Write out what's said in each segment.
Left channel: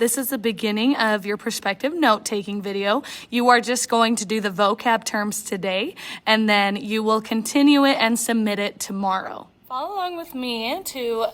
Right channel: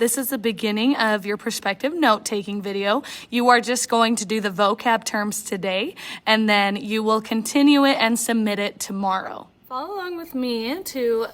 This is the beginning of your perspective note-taking video. You are just going to do the vocab terms today, and then you will continue it and submit it tomorrow. Follow along with me to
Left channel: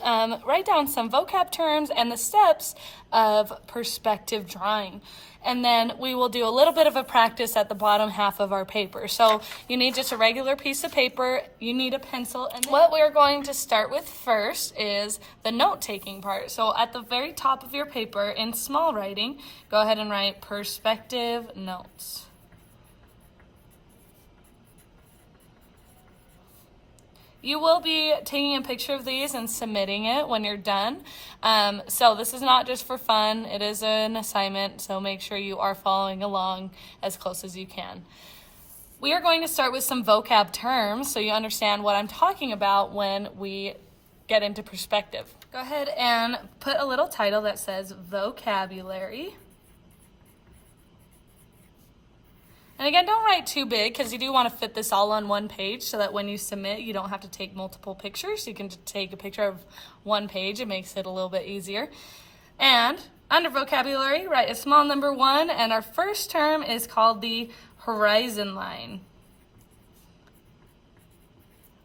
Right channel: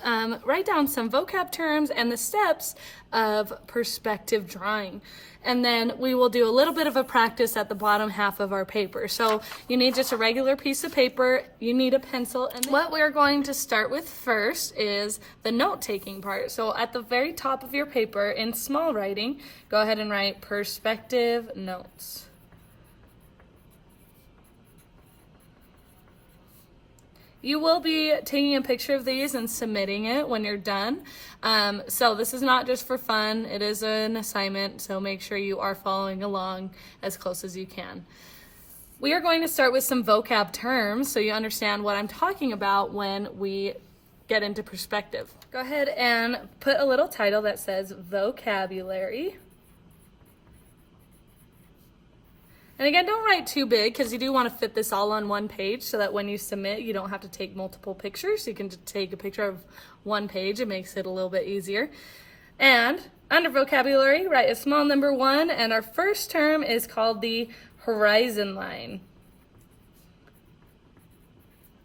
write down some vocab terms and the steps of perspective drawing. And then we will do a little bit of a practice at the bottom half of our paper. So you need just a regular piece of paper, you need a pencil, and what we're going to start with first is the note-taking part. So at the very top of your paper, in small writing, go ahead and write perspective notes. You will be taking a picture of these and submitting it when you're done. So this is not just for fun, it is an assignment, so make sure you are following along as close as you can. We are going to start with some vocab terms so you understand what I'm talking about when we get into perspective. Go ahead and put a little title that says vocabulary. And again, don't write too big because you do want to fit this all on one page so that when you submit, you don't have to take multiple pictures. You can just take a picture of one page. It makes it a little bit easier. And under vocabulary, write a small number 1, and our first term is called the horizon line.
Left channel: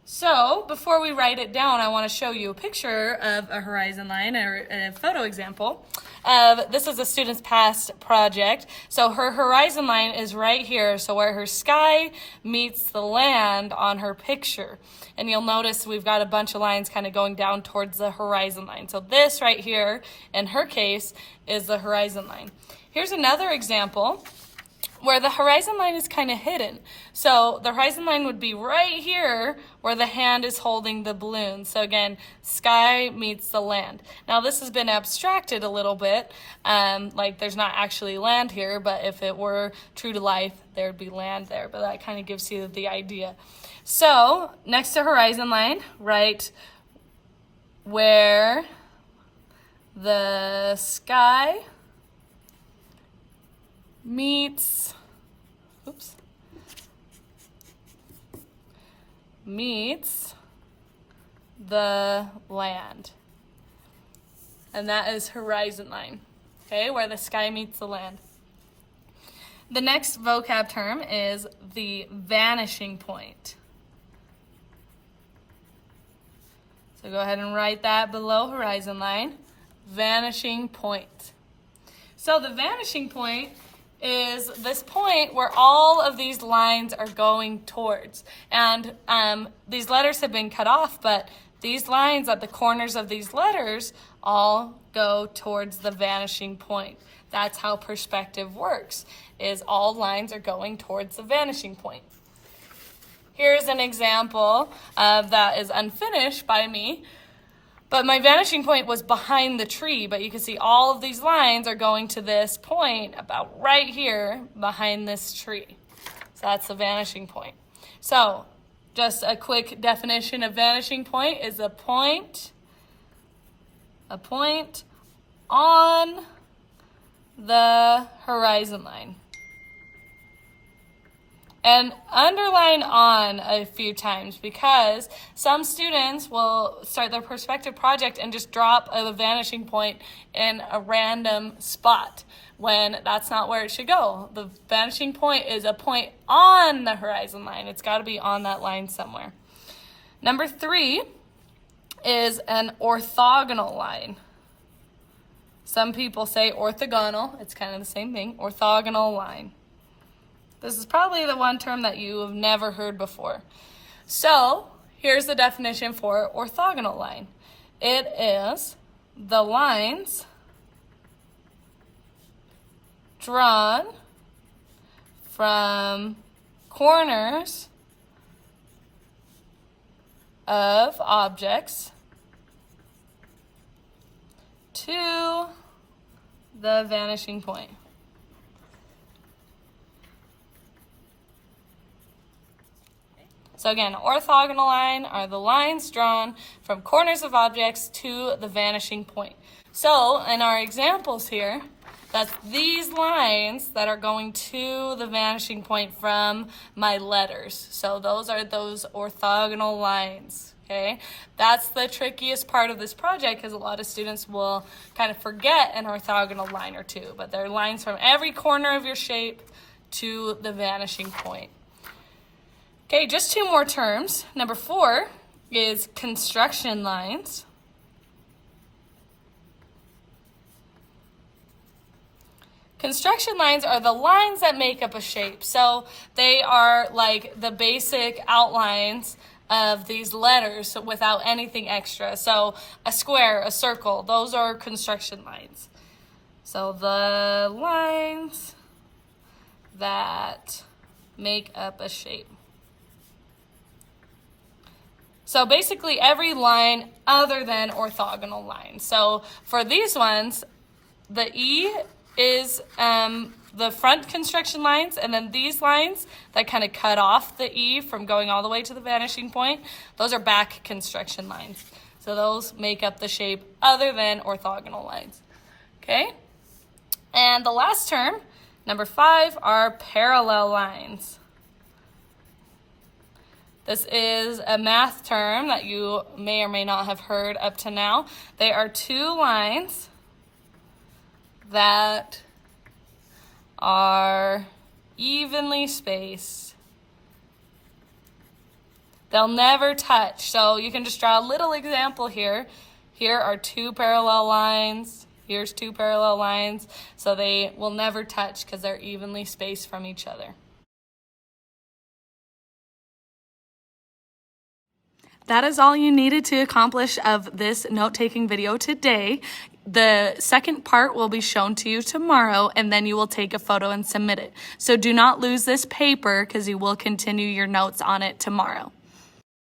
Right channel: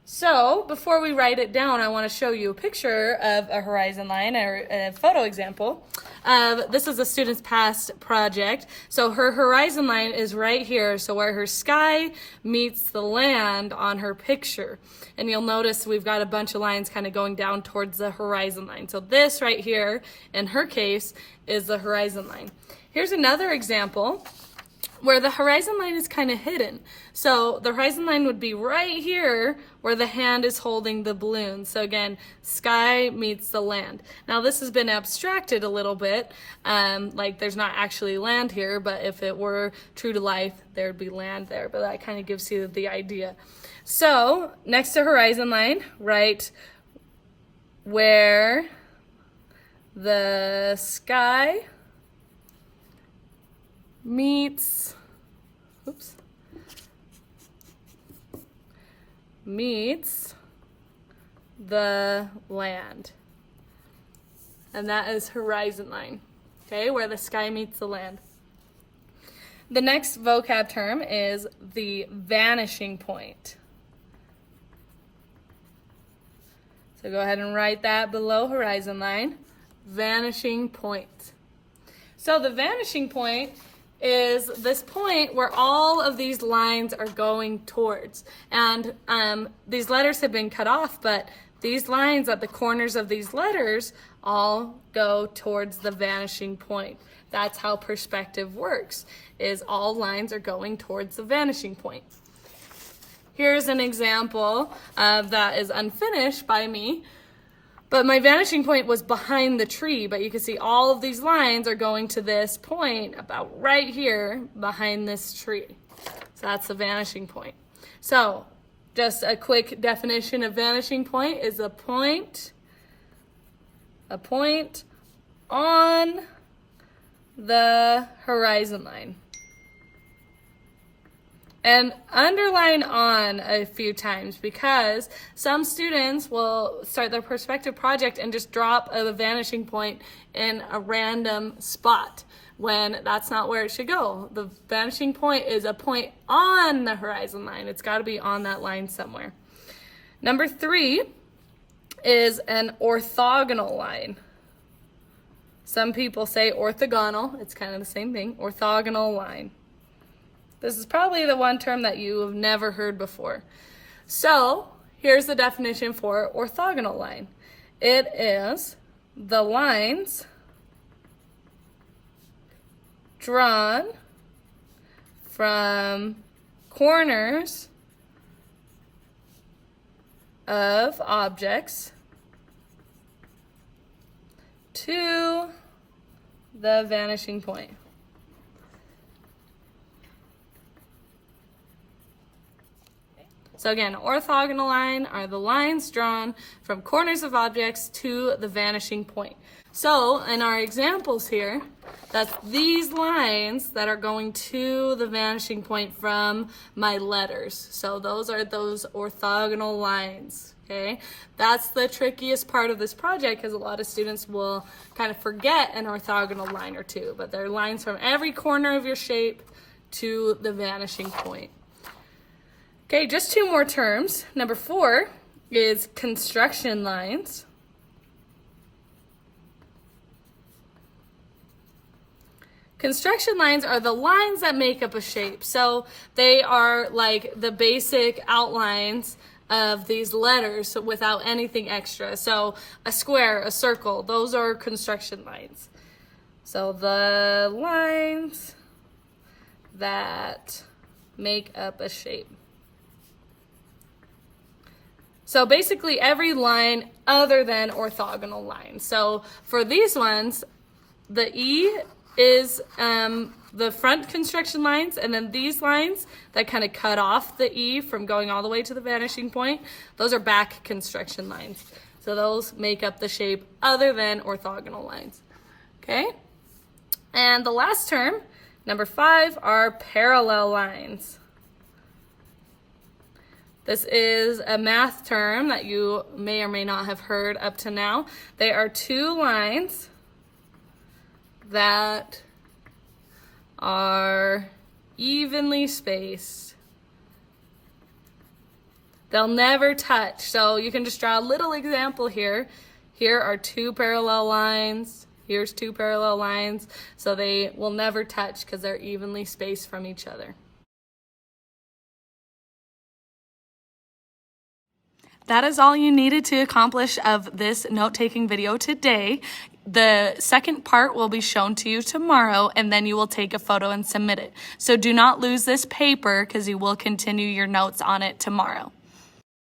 So before we write it down, I want to show you a picture of a horizon line or a photo example. This is a student's past project. So her horizon line is right here, so where her sky meets the land on her picture. And you'll notice we've got a bunch of lines kind of going down towards the horizon line. So this right here, in her case, is the horizon line. Here's another example where the horizon line is kind of hidden. So the horizon line would be right here where the hand is holding the balloon. So again, sky meets the land. Now this has been abstracted a little bit, like there's not actually land here, but if it were true to life, there'd be land there, but that kind of gives you the idea. So next to horizon line, write where the sky meets the land. And that is horizon line, okay, where the sky meets the land. The next vocab term is the vanishing point. So go ahead and write that below horizon line, vanishing point. So the vanishing point is this point where all of these lines are going towards. And these letters have been cut off, but these lines at the corners of these letters all go towards the vanishing point. That's how perspective works, is all lines are going towards the vanishing point. Here's an example that is unfinished by me. But my vanishing point was behind the tree, but you can see all of these lines are going to this point about right here behind this tree. So that's the vanishing point. So just a quick definition of vanishing point is a point on the horizon line. And underline on a few times because some students will start their perspective project and just drop a vanishing point in a random spot when that's not where it should go. The vanishing point is a point on the horizon line. It's got to be on that line somewhere. Number 3 is an orthogonal line. Some people say orthogonal. It's kind of the same thing. Orthogonal line. This is probably the one term that you have never heard before. So here's the definition for orthogonal line. It is the lines drawn from corners of objects to the vanishing point. So again, orthogonal line are the lines drawn from corners of objects to the vanishing point. So in our examples here, that's these lines that are going to the vanishing point from my letters. So those are those orthogonal lines. okay? That's the trickiest part of this project because a lot of students will kind of forget an orthogonal line or two, but they're lines from every corner of your shape to the vanishing point. Okay, just two more terms. Number 4 is construction lines. Construction lines are the lines that make up a shape. So they are like the basic outlines of these letters without anything extra. So a square, a circle, those are construction lines. So the lines that make up a shape. So basically every line other than orthogonal lines. So for these ones, the E is the front construction lines, and then these lines that kind of cut off the E from going all the way to the vanishing point, those are back construction lines. So those make up the shape other than orthogonal lines. Okay? And the last term, number 5, are parallel lines. This is a math term that you may or may not have heard up to now. They are two lines that are evenly spaced. They'll never touch. So you can just draw a little example here. Here are two parallel lines. Here's two parallel lines. So they will never touch because they're evenly spaced from each other. That is all you needed to accomplish of this note-taking video today. The second part will be shown to you tomorrow, and then you will take a photo and submit it. So do not lose this paper because you will continue your notes on it tomorrow.